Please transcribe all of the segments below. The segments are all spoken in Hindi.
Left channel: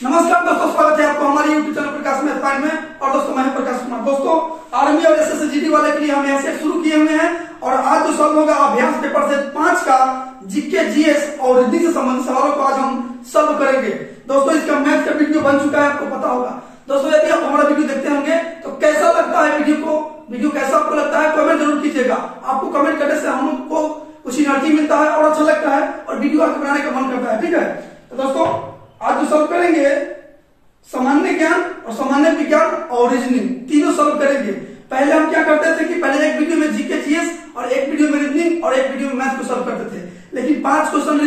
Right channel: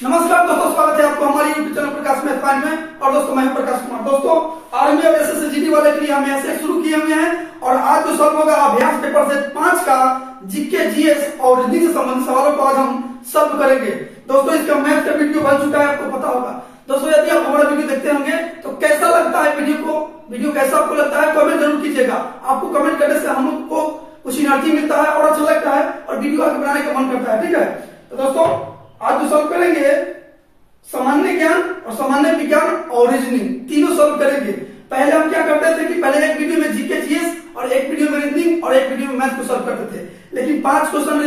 नमस्कार दोस्तों, स्वागत है आपको हमारे यूट्यूब चैनल प्रकाश मैथ पॉइंट में। और दोस्तों मैं हूं प्रकाश कुमार। दोस्तों आर्मी और एसएससी जीडी वाले के लिए हम यहाँ सेट शुरू किए हुए हैं और आज जो सॉल्व होगा अभ्यास पेपर से 5 का जीके जीएस और रीजनिंग से संबंधित सवालों को आज हम सॉल्व करेंगे। दोस्तों इसका मैथ का वीडियो बन चुका है, आपको पता होगा। दोस्तों यदि आप हमारा वीडियो देखते होंगे तो कैसा लगता है वीडियो कैसा आपको लगता है कमेंट जरूर कीजिएगा। आपको कमेंट करने से हमको कुछ एनर्जी मिलता है और अच्छा लगता है और वीडियो आगे बनाने का मन करता है। ठीक है, तो दोस्तों आज जो सॉल्व करेंगे सामान्य ज्ञान और सामान्य विज्ञान और रीजनिंग तीनों सॉल्व करेंगे। पहले हम क्या करते थे कि पहले एक वीडियो में जीके जीएस और एक वीडियो में रीजनिंग और एक वीडियो में मैथ को सॉल्व करते थे, लेकिन 5 क्वेश्चन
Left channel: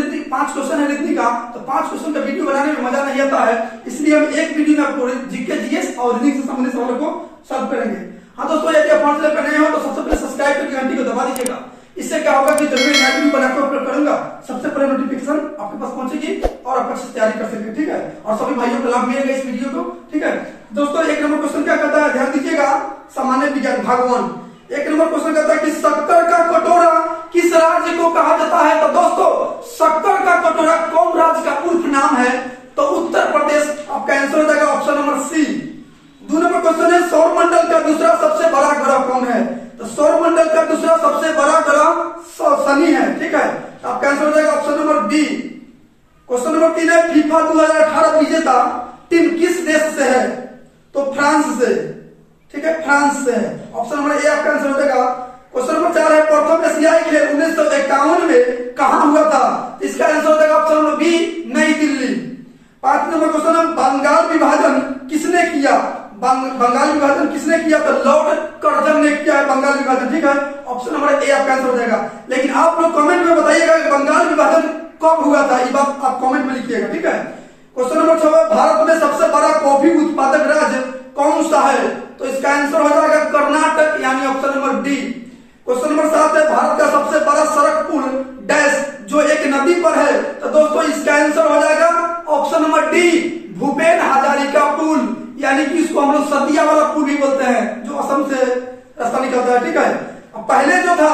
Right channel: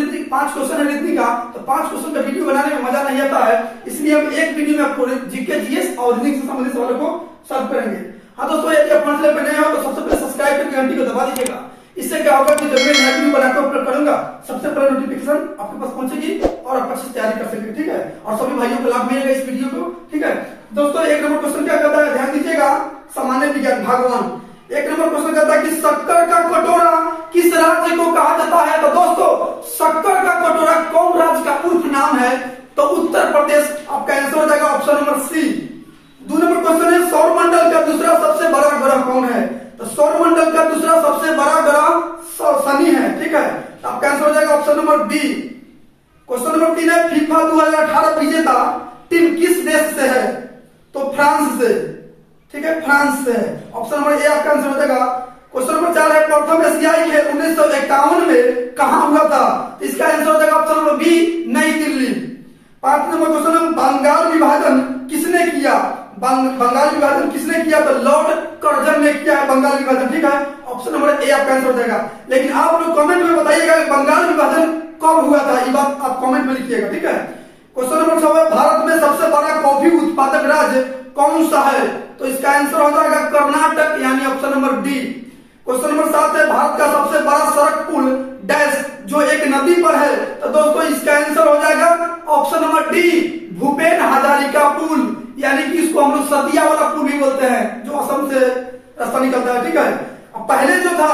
है रीजनिंग का, तो 5 क्वेश्चन का वीडियो बनाने में मजा नहीं आता है, इसलिए हम एक वीडियो में आपको जीके जीएस और रीजनिंग से संबंधित सवालों को सॉल्व करेंगे। हाँ दोस्तों, यदि आप हमारे चैनल पर नए हो तो सबसे पहले सब्सक्राइब करके घंटी को दबा दीजिएगा। इससे क्या होगा कि जब मैं नया वीडियो बनाकर अपलोड करूंगा सबसे पहले नोटिफिकेशन आपके पास पहुंचेगी और आप अच्छे से तैयारी कर सकेंगे। ठीक है, और सभी भाइयों को लाभ मिलेगा इस वीडियो को। ठीक है दोस्तों, एक नंबर क्वेश्चन क्या कहता है, ध्यान दीजिएगा। सामान्य विज्ञान भगवान एक नंबर क्वेश्चन कहता है कि शक्कर का कटोरा किस राज्य को कहा जाता है। तो दोस्तों शक्कर का कटोरा कौन राज्य का उर्फ नाम है, तो उत्तर प्रदेश आपका आंसर हो जाएगा option number C. 2 number question है सौर मंडल का दूसरा सबसे बड़ा ग्रह कौन है। तो सौर मंडल का दूसरा सबसे बड़ा ग्रह शनि है। ठीक है, तो आपका आंसर हो जाएगा option number B. Question number 3 है फीफा 2018 विजेता टीम किस देश से है। तो फ्रांस से। ठीक है, फ्रांस से है। ऑप्शन नंबर ए आपका आंसर हो जाएगा। क्वेश्चन नंबर 4 है प्रथम एशियाई खेल 1951 में कहां हुआ था। इसका आंसर हो जाएगा ऑप्शन नंबर बी, नई दिल्ली। 5 नंबर क्वेश्चन है बंगाल विभाजन किसने किया। बंगाल विभाजन किसने किया, तो लॉर्ड कर्जन ने किया है बंगाल विभाजन। ठीक है, ऑप्शन नंबर ए आपका आंसर हो जाएगा। लेकिन आप लोग कमेंट में बताइएगा बंगाल विभाजन कब हुआ था, ये बात आप कमेंट में लिखिएगा। ठीक है, क्वेश्चन नंबर 6 है भारत में सबसे बड़ा कॉफी उत्पादक राज्य कौन सा है। तो इसका आंसर हो जाएगा कर्नाटक, यानी option number D. Question number 7 है भारत का सबसे बड़ा सड़क पुल डैश जो एक नदी पर है। तो दोस्तों इसका आंसर हो जाएगा option number D, Bhupen Hazarika पुल, यानी कि इसको हम लोग सतिया वाला पुल भी बोलते हैं, जो असम से रास्ता निकलता है। ठीक है, अब पहले जो था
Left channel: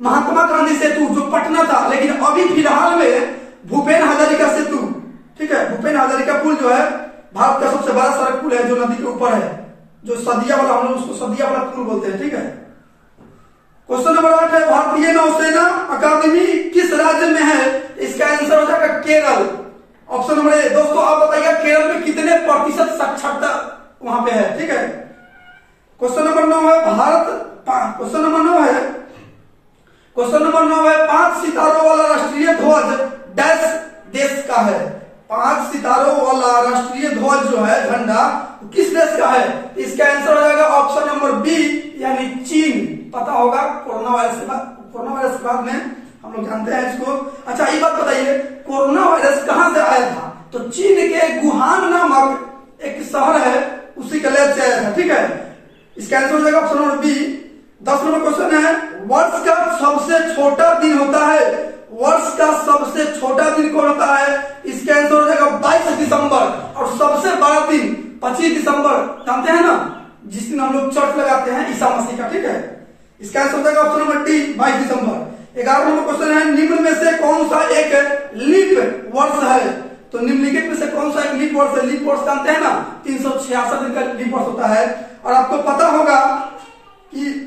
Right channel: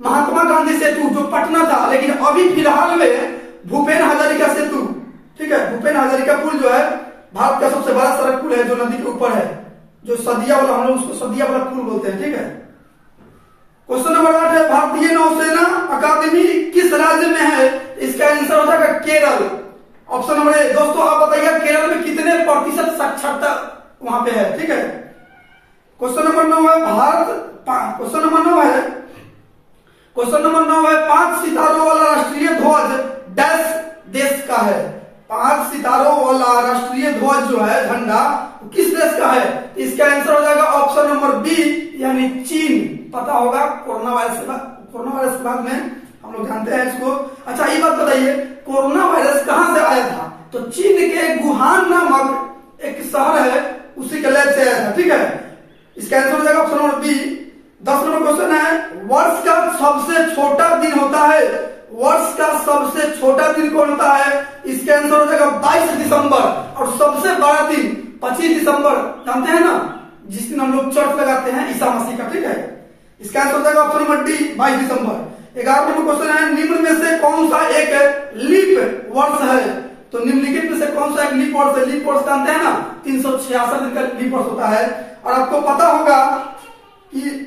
महात्मा गांधी सेतु जो पटना था, लेकिन अभी फिलहाल में भूपेन हजारिका सेतु। ठीक है, भूपेन हजारिका पुल जो है भारत का सबसे बड़ा सड़क पुल है जो नदी के ऊपर है, जो सदिया वाला, हम लोग उसको सदिया वाला पुल बोलते हैं। ठीक है, क्वेश्चन नंबर 8 है भारतीय नौसेना अकादमी किस राज्य में है। इसका आंसर हो जाएगा केरल, ऑप्शन नंबर ए। दोस्तों आप बताइएगा केरल में कितने प्रतिशत साक्षरता वहां पे है। ठीक है, क्वेश्चन नंबर 9 है क्वेश्चन नंबर 9 है 5 सितारों वाला राष्ट्रीय ध्वज डैश देश का है। 5 सितारों वाला राष्ट्रीय ध्वज जो है झंडा किस देश का है। इसका आंसर हो जाएगा ऑप्शन नंबर बी, यानी चीन। पता होगा कोरोना वायरस के बाद में हम लोग जानते हैं इसको। अच्छा ये बात बताइए कोरोना वायरस कहां से आया था। तो चीन के वुहान नामक एक शहर है, उसी के लैब से आया था। ठीक है, इसका आंसर हो जाएगा option number B. 10 number question है वर्ष का सबसे छोटा दिन होता है। वर्ष का सबसे छोटा दिन कौन होता है। इसका आंसर हो जाएगा 22 दिसंबर। और सबसे बड़ा दिन 25 दिसंबर, जानते हैं ना, जिस दिन हम लोग चर्च लगाते हैं ईसा मसीह का। ठीक है, इसका आंसर हो जाएगा ऑप्शन नंबर डी, 22 दिसंबर। 11 नंबर क्वेश्चन है निम्न में से कौन सा एक लीप वर्ष है। तो निम्नलिखित में से कौन सा एक लीप वर्ष है। लीप वर्ष जानते हैं ना, 366 दिन का लीप वर्ष होता है। और आपको पता होगा कि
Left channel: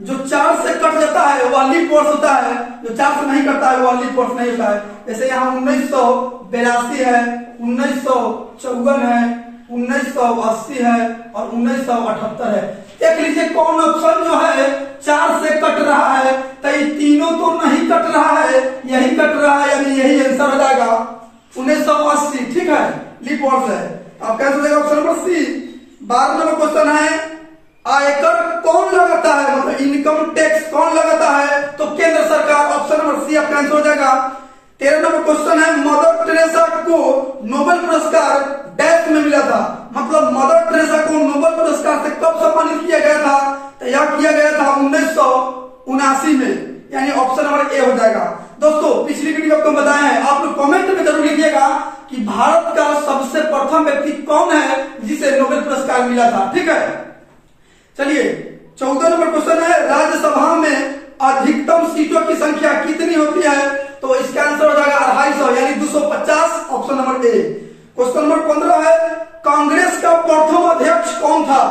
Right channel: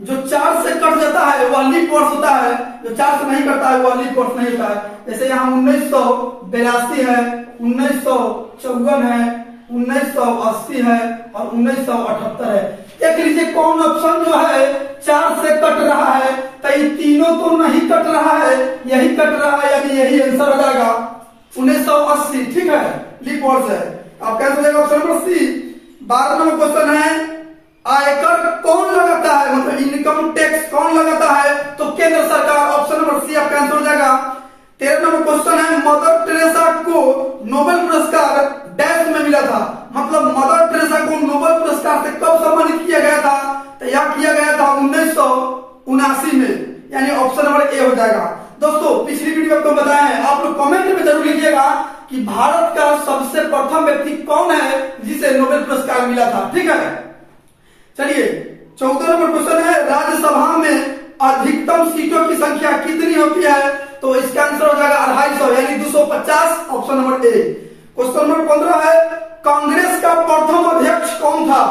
जो 4 से कट जाता है वह लीप वर्ष होता है, जो 4 से नहीं करता है वह लीप वर्ष नहीं होता है। जैसे यहाँ 1982 है, 1954 है, 1980 है और 1978 है। देख लीजिए कौन ऑप्शन जो है 4 से कट रहा है। तो ये तीनों तो नहीं कट रहा है, यही कट रहा है, यानी यही आंसर हो जाएगा 1980। ठीक है, लीप वर्ष है। आपका आंसर हो जाएगा option number C. 12 number question है आयकर कौन लगाता है, मतलब इनकम टैक्स कौन लगाता है। तो केंद्र सरकार, ऑप्शन नंबर सी आपका आंसर हो जाएगा। 13 नंबर क्वेश्चन है मदर टेरेसा को नोबेल पुरस्कार डैश में मिला था। मतलब मदर टेरेसा को नोबेल पुरस्कार से कब सम्मानित किया गया था। तो यह किया गया था 1979 में, यानी ऑप्शन नंबर ए हो जाएगा। दोस्तों पिछली वीडियो आपको बताया है, आप लोग कमेंट में जरूर लिखिएगा कि भारत का सबसे प्रथम व्यक्ति कौन है जिसे नोबेल पुरस्कार मिला था। ठीक है, चलिए 14 नंबर क्वेश्चन है राज्यसभा में अधिकतम सीटों की संख्या कितनी होती है। तो इसका आंसर हो जाएगा 250, यानी 250, option number A. Question number 15 है, कांग्रेस का प्रथम अध्यक्ष कौन था?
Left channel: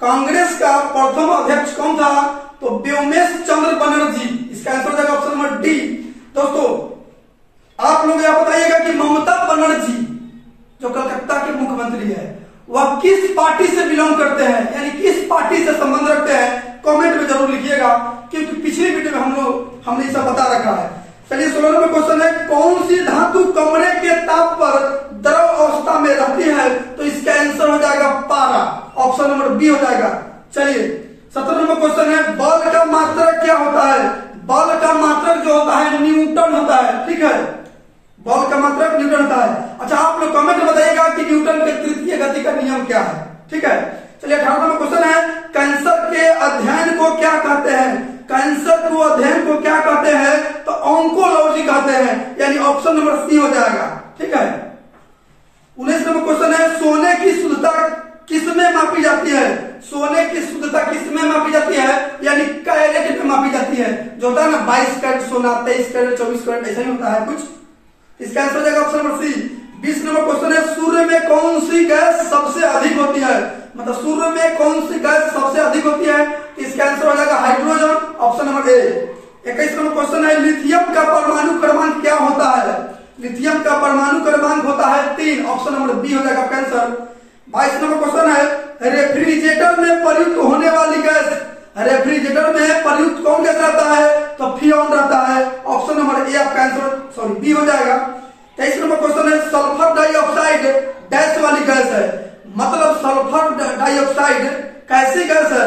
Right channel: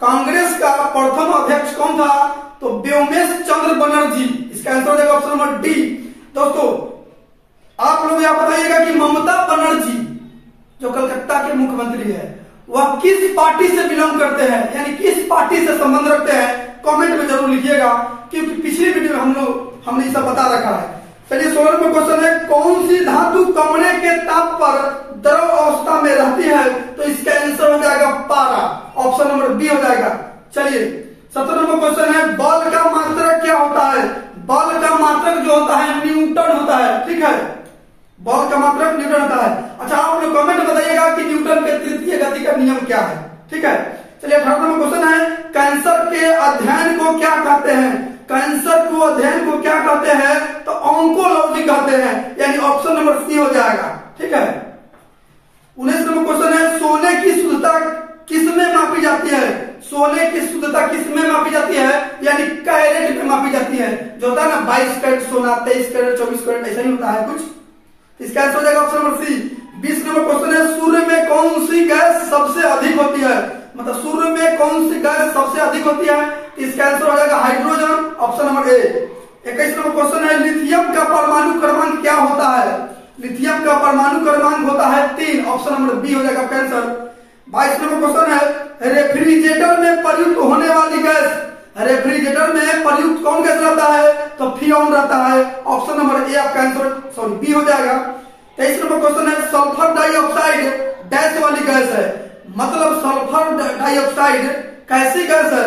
कांग्रेस का प्रथम अध्यक्ष कौन था? तो व्योमेश चंद्र बनर्जी। इसका आंसर हो जाएगा ऑप्शन नंबर डी। दोस्तों आप लोग यह बताइएगा कि ममता बनर्जी जो कलकत्ता के मुख्यमंत्री है वह किस पार्टी से बिलोंग करते हैं, यानी किस पार्टी से संबंध रखते हैं? कमेंट में जरूर लिखिएगा, क्योंकि पिछली वीडियो में हमने इसे बता रखा है। चलिए 16 नंबर क्वेश्चन है, कौन सी धातु कमरे के ताप पर द्रव अवस्था में रहती है? तो इसका आंसर हो जाएगा पारा, ऑप्शन नंबर बी हो जाएगा। चलिए 17 नंबर क्वेश्चन है, बल का मात्रक क्या होता है? बल का मात्रक जो होता है न्यूटन होता है, ठीक है, बल का मात्रक न्यूटन होता है। अच्छा आप लोग कमेंट में बताइएगा कि न्यूटन के तृतीय गति का नियम क्या है, ठीक है। चलिए 18 नंबर क्वेश्चन है, कैंसर के अध्ययन को क्या कहते हैं? कैंसर को अध्ययन को क्या कहते हैं? तो ऑन्कोलॉजी कहते हैं, यानी ऑप्शन नंबर सी हो जाएगा, ठीक है। 19 नंबर क्वेश्चन है, सोने की शुद्धता किसमें मापी जाती है? सोने की शुद्धता किसमें मापी जाती है? यानी कैरेट में मापी जाती है। जो होता है ना 22 कैरेट सोना, 23 कैरेट, 24 कैरेट, ऐसा ही होता है कुछ। इसका आंसर हो जाएगा option number C. 20 number question है, सूर्य में कौन सी गैस सबसे अधिक होती है? मतलब सूर्य में कौन सी गैस सबसे अधिक होती है? इसका आंसर हो जाएगा hydrogen, option number A. 21 number question है, लिथियम का परमाणु क्रमांक क्या होता है? लिथियम का परमाणु क्रमांक होता है 3, ऑप्शन नंबर बी हो जाएगा आंसर। 22 नंबर क्वेश्चन है, रेफ्रिजरेटर में प्रयुक्त होने वाली गैस, रेफ्रिजरेटर में प्रयुक्त कौन गैस रहता है? तो फ्रियोन रहता है, ऑप्शन नंबर ए आपका आंसर सॉरी बी हो जाएगा। 23 नंबर क्वेश्चन है, सल्फर डाइऑक्साइड डैश वाली गैस है, मतलब सल्फर डाइऑक्साइड कैसी गैस है?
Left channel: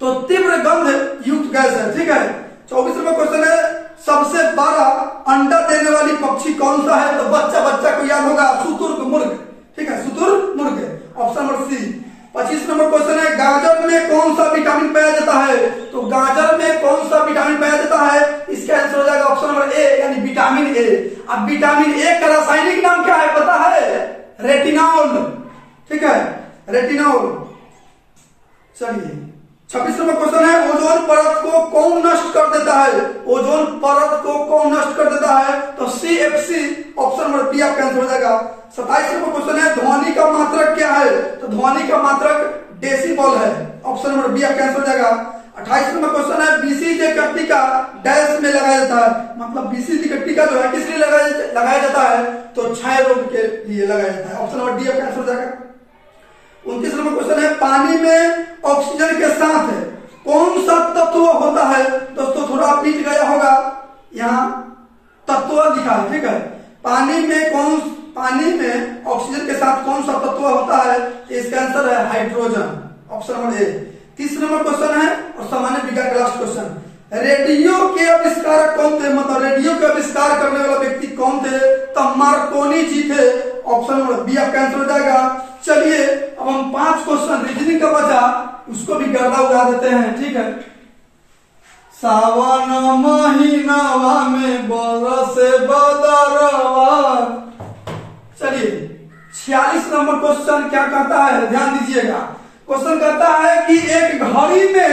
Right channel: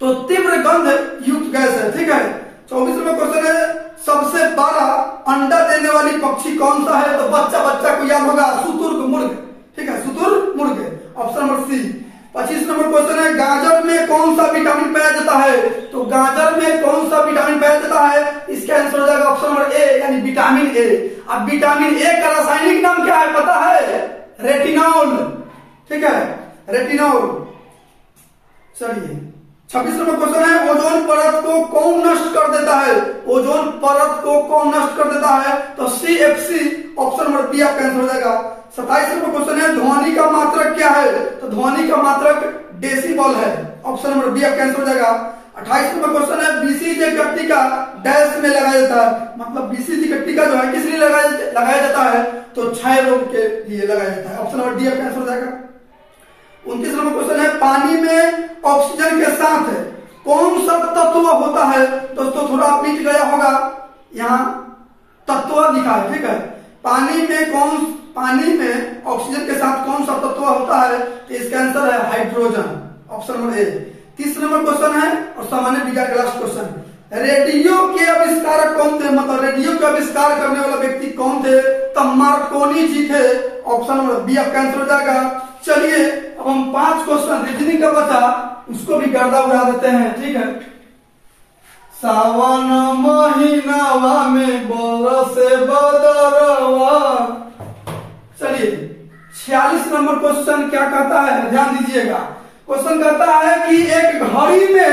तो तीव्र गंध युक्त गैस है, ठीक है। 24 नंबर क्वेश्चन है, सबसे बड़ा अंडा देने वाली पक्षी कौन सा है? तो बच्चा को याद होगा, शुतुरमुर्ग, ठीक है, शुतुरमुर्ग, option number C. 25 number question है, गाजर में कौन सा विटामिन पाया जाता है? तो गाजर में कौन सा विटामिन पाया जाता है? इसका आंसर हो जाएगा ऑप्शन नंबर ए, यानी विटामिन ए। अब विटामिन ए का रासायनिक नाम क्या है पता है? रेटिनॉल, ठीक है, रेटिनॉल। चलिए 26 नंबर क्वेश्चन है, ओजोन परत को कौन नष्ट कर देता है? ओजोन परत को कौन नष्ट कर देता है? तो CFC, ऑप्शन नंबर बी आपका आंसर हो जाएगा। 27 नंबर क्वेश्चन है, ध्वनि का मात्रक क्या है? तो ध्वनि का मात्रक डेसिबल है, ऑप्शन नंबर बी आपका आंसर हो जाएगा। 28 नंबर क्वेश्चन है, BCG का टीका डैश में लगाया जाता है, मतलब BCG का टीका जो है किस लिए लगाया जाता है? तो क्षय रोग के लिए लगाया जाता है, ऑप्शन नंबर डी आपका आंसर हो जाएगा। 29 नंबर क्वेश्चन है, पानी में ऑक्सीजन के साथ कौन सा तत्व होता है? दोस्तों थोड़ा बीच गया होगा, यहाँ तत्व लिखा है, ठीक है। पानी में ऑक्सीजन के साथ कौन सा तत्व होता है? तो इसका आंसर है hydrogen, option number A. 30 number question है और सामान्य विज्ञान का लास्ट क्वेश्चन, रेडियो के आविष्कारक कौन थे? मतलब रेडियो का आविष्कार करने वाला व्यक्ति कौन थे? तो मार्कोनी जी थे, ऑप्शन नंबर बी आपका आंसर हो जाएगा। चलिए अब हम 5 क्वेश्चन रीजनिंग का बचा उसको भी गर्दा उड़ा देते हैं, ठीक है। सावन महीनावा में बरसे बदरवा। चलिए 46 नंबर क्वेश्चन क्या कहता है, ध्यान दीजिएगा। क्वेश्चन कहता है कि एक घड़ी में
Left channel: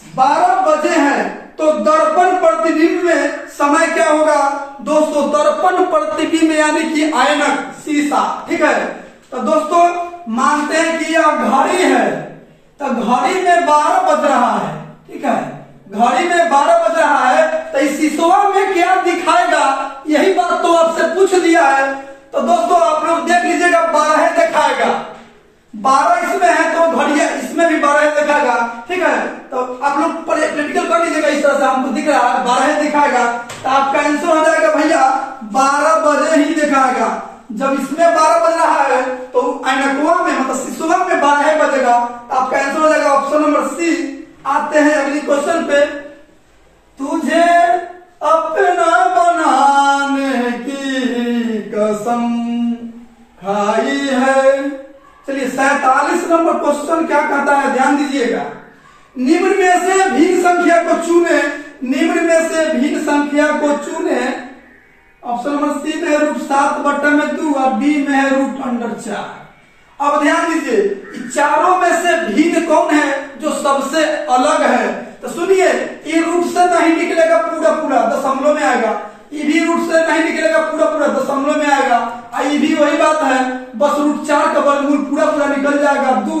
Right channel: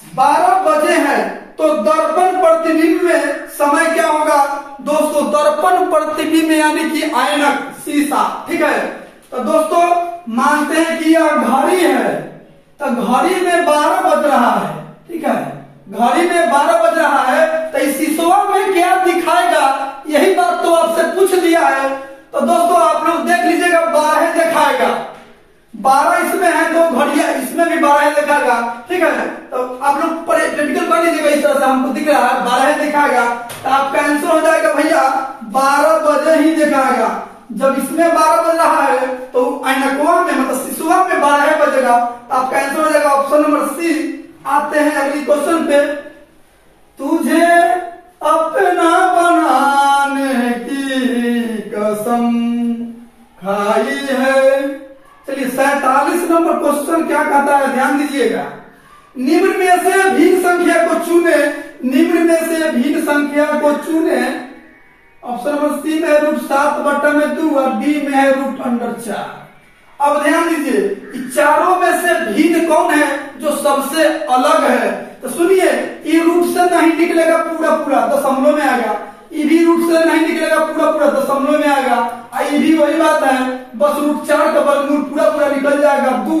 12 बजे हैं तो दर्पण प्रतिबिंब में समय क्या होगा? दोस्तों दर्पण प्रतिबिंब यानी कि ऐनक, शीशा, ठीक है। तो दोस्तों मानते हैं कि यह घड़ी है, तो घड़ी में 12 बज रहा है, ठीक है, घड़ी में 12 बज रहा है, तो इस शीशवा में क्या दिखाएगा? यही बात तो आपसे पूछ दिया है। तो दोस्तों आप लोग देख लीजिएगा, 12 दिखाएगा, 12 इसमें है तो घड़िया इसमें भी 12 दिखाएगा, ठीक है। तो आप लोग प्रैक्टिकल कर लीजिएगा, इस तरह से हमको दिख रहा है 12 दिखाएगा, तो आपका आंसर हो जाएगा भैया 12 बजे ही दिखाएगा। जब इसमें 12 बज रहा है तो ऐनकवा में मतलब शीशुआ में 12 बजेगा, आपका आंसर हो जाएगा ऑप्शन नंबर सी। आते हैं अगली क्वेश्चन पे, तुझे अपना बनाने की कसम खाई है। चलिए 47 नंबर क्वेश्चन क्या कहता है, ध्यान दीजिएगा। निम्न में से भिन्न संख्या को चुने, निम्न में से भिन्न संख्या को चुने, ऑप्शन नंबर सी में है √7/2 और बी में है √4। अब ध्यान दीजिए, चारों में से भिन्न कौन है जो सबसे अलग है? तो सुनिए, ये रूट से नहीं निकलेगा पूरा पूरा, दशमलव में आएगा। ईवी रूट से नहीं निकलेगा, पूरा पूरा दशमलव में आएगा। ईवी वही बात है, बस रूट 4 का वर्गमूल पूरा पूरा निकल जाएगा 2,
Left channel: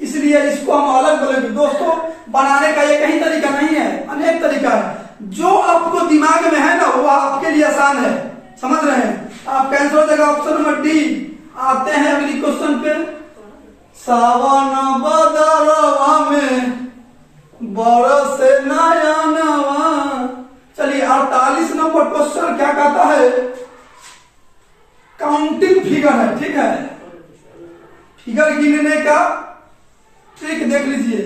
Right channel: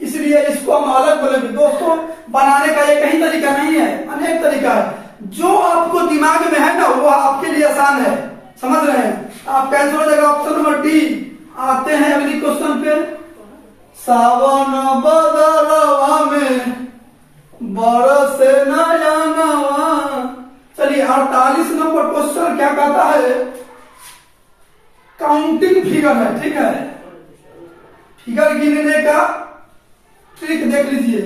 इसलिए इसको हम अलग बोलेंगे। दोस्तों बनाने का एक ही तरीका नहीं है, अनेक तरीका है। जो आपको दिमाग में है ना वो आपके लिए आसान है, समझ रहे हैं। आप कैंसिल हो जाएगा ऑप्शन नंबर डी। आते हैं अगली क्वेश्चन पे। सावन बदलवा में बरसे नया नवा। चलिए 48 नंबर क्वेश्चन क्या कहता है, काउंटिंग फिगर है, ठीक है। फिगर गिनने का ट्रिक देख लीजिए।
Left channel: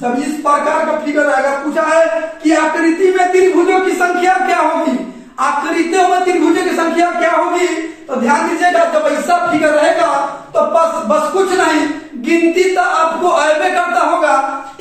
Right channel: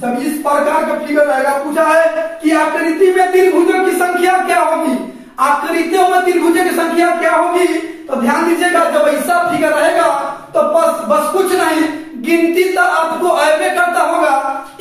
जब इस प्रकार का फिगर आएगा, पूछा है कि आकृति में त्रिभुजों की संख्या क्या होगी, आकृतियों में त्रिभुजों की संख्या क्या होगी, तो ध्यान दीजिएगा। जब ऐसा फिगर रहेगा तो बस कुछ नहीं, गिनती तो आपको ऐसे करता होगा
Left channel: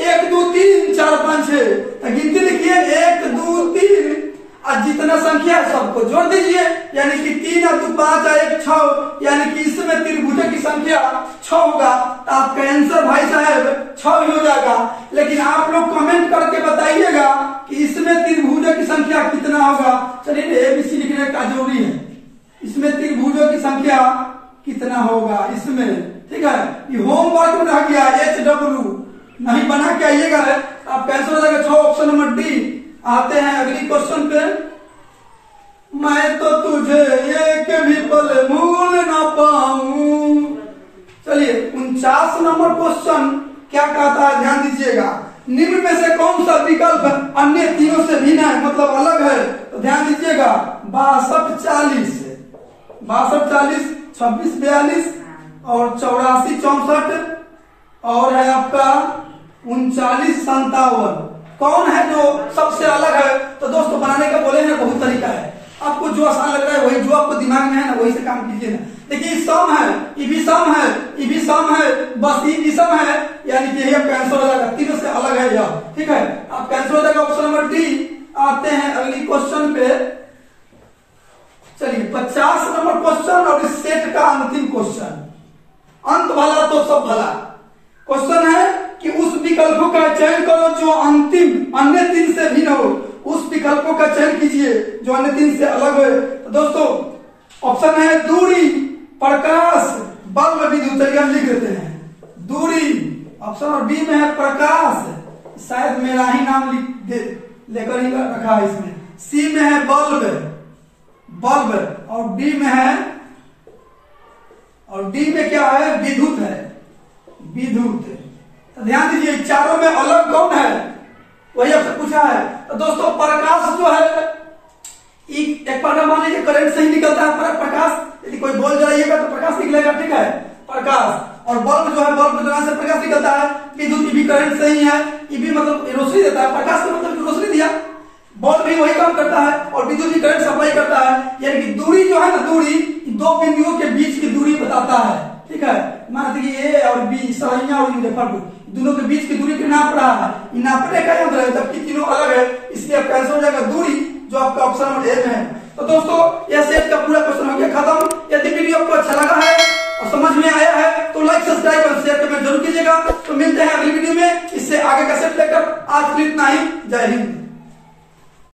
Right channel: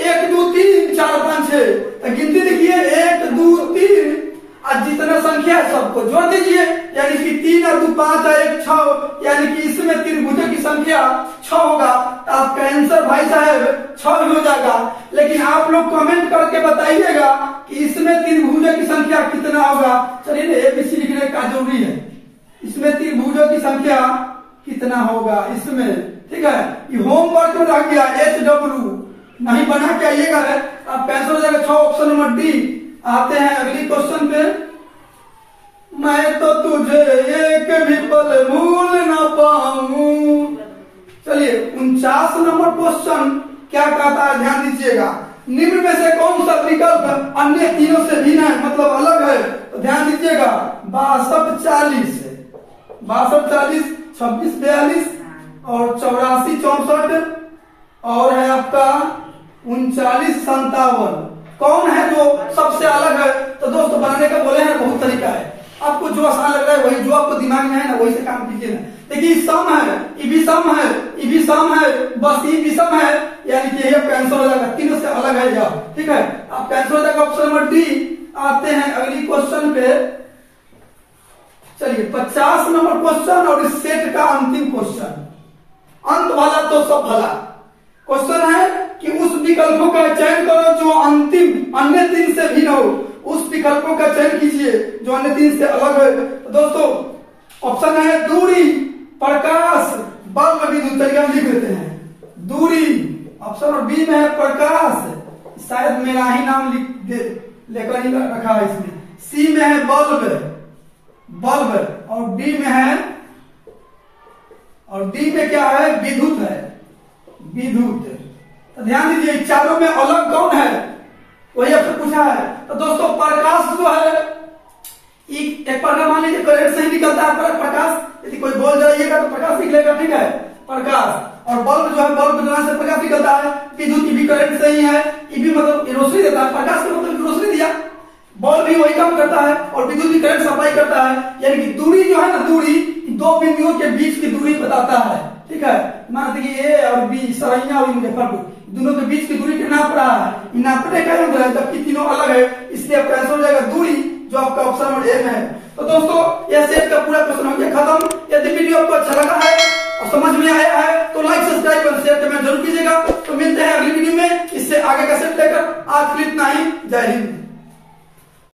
1 2 3 4 5 6, गिनती लिखिए 1 2 3 और जितना संख्या है सबको जोड़ दीजिए, यानी कि 3 और 2 5 और 1 6, यानी कि इसमें त्रिभुजों की संख्या 6 होगा। तो आपका आंसर भाई साहब 6 हो जाएगा। लेकिन आप लोग कमेंट करके बताइएगा कि इसमें त्रिभुजों की संख्या कितना होगा। चलिए एबीसी लिखने का जरूरी है, इसमें त्रिभुजों की संख्या कितना होगा इसमें, ठीक है। ये होमवर्क में रह गया, HW नहीं बना के आइएगा। आप कैंसिल हो जाएगा 6 ऑप्शन नंबर डी। आते हैं अगली क्वेश्चन पे। मैं तो तुझे एक भी पल भूल ना पाऊं। चलिए 49 नंबर क्वेश्चन क्या कहता है, ध्यान दीजिएगा। निम्न में से कौन सा विकल्प अन्य तीनों से भिन्न है, मतलब अलग है, तो ध्यान दीजिएगा। 62 40, 62 40, 26 42 और 84 64 और है आपका 39 57। कौन है जो सबसे अलग है? तो दोस्तों बनाने का बोले हैं बहुत तरीका है, आपको जो आसान लग रहा है वही, जो आपको दिमाग में है ना वही से काम कीजिए ना। देखिए सम है, ईवी सम है, ईवी सम है, बस ईवी सम है, यानी कि यह कैंसिल हो जाएगा, तीनों से अलग है यह, ठीक है। आप कैंसिल हो जाएगा ऑप्शन नंबर डी। आते हैं अगली क्वेश्चन पे। चलिए 50 नंबर क्वेश्चन और इस सेट का अंतिम क्वेश्चन। अंत भला तो सब भला। क्वेश्चन है कि उस विकल्पों का चयन करो जो अंतिम अन्य 3 से भिन्न हो। उस विकल्पों का चयन कीजिए जो अन्य 3 से अलग है। तो दोस्तों ऑप्शन है दूरी, प्रकाश, बल्ब, विद्युत। चलिए हम लिख देते हैं दूरी। ऑप्शन बी में है प्रकाश, शायद मेरा ही नाम लेकर ही रखा है इसमें। सी में है बल्ब, बल्ब, और डी में है, और डी में क्या है, विद्युत है, विद्युत। तो ध्यान दीजिए चारों में अलग कौन है, वही आपसे पूछा है। तो दोस्तों प्रकाश जो है एक बार मान लीजिए करंट से ही निकलता है प्रकाश, यदि कोई बॉल जलाइएगा तो प्रकाश निकलेगा, ठीक है, प्रकाश। और बल्ब जो है, बल्ब जलाने से प्रकाश निकलता है। विद्युत भी करंट से ही है, भी मतलब रोशनी देता है, प्रकाश के मतलब रोशनी दिया। बल्ब भी वही काम करता है और विद्युत भी करंट सप्लाई करता है। यानी कि दूरी जो है ना, दूरी 2 बिंदुओं के बीच की दूरी बताता है, ठीक है। मान लीजिए ए और बी, सरैया और मुजफ्फरपुर, दोनों के बीच की दूरी कितना नाप रहा है, नापने का यंत्र है, जबकि तीनों अलग है, इसलिए आपका आंसर हो जाएगा दूरी, जो आपका ऑप्शन नंबर ए में है। तो दोस्तों यह सेट का पूरा क्वेश्चन हो गया खत्म। यदि वीडियो आपको अच्छा लगा है और समझ में आया है तो लाइक, सब्सक्राइब और शेयर कमेंट जरूर कीजिएगा। तो मिलते हैं अगली वीडियो में इससे आगे का सेट लेकर। आज के लिए इतना ही। जय हिंद।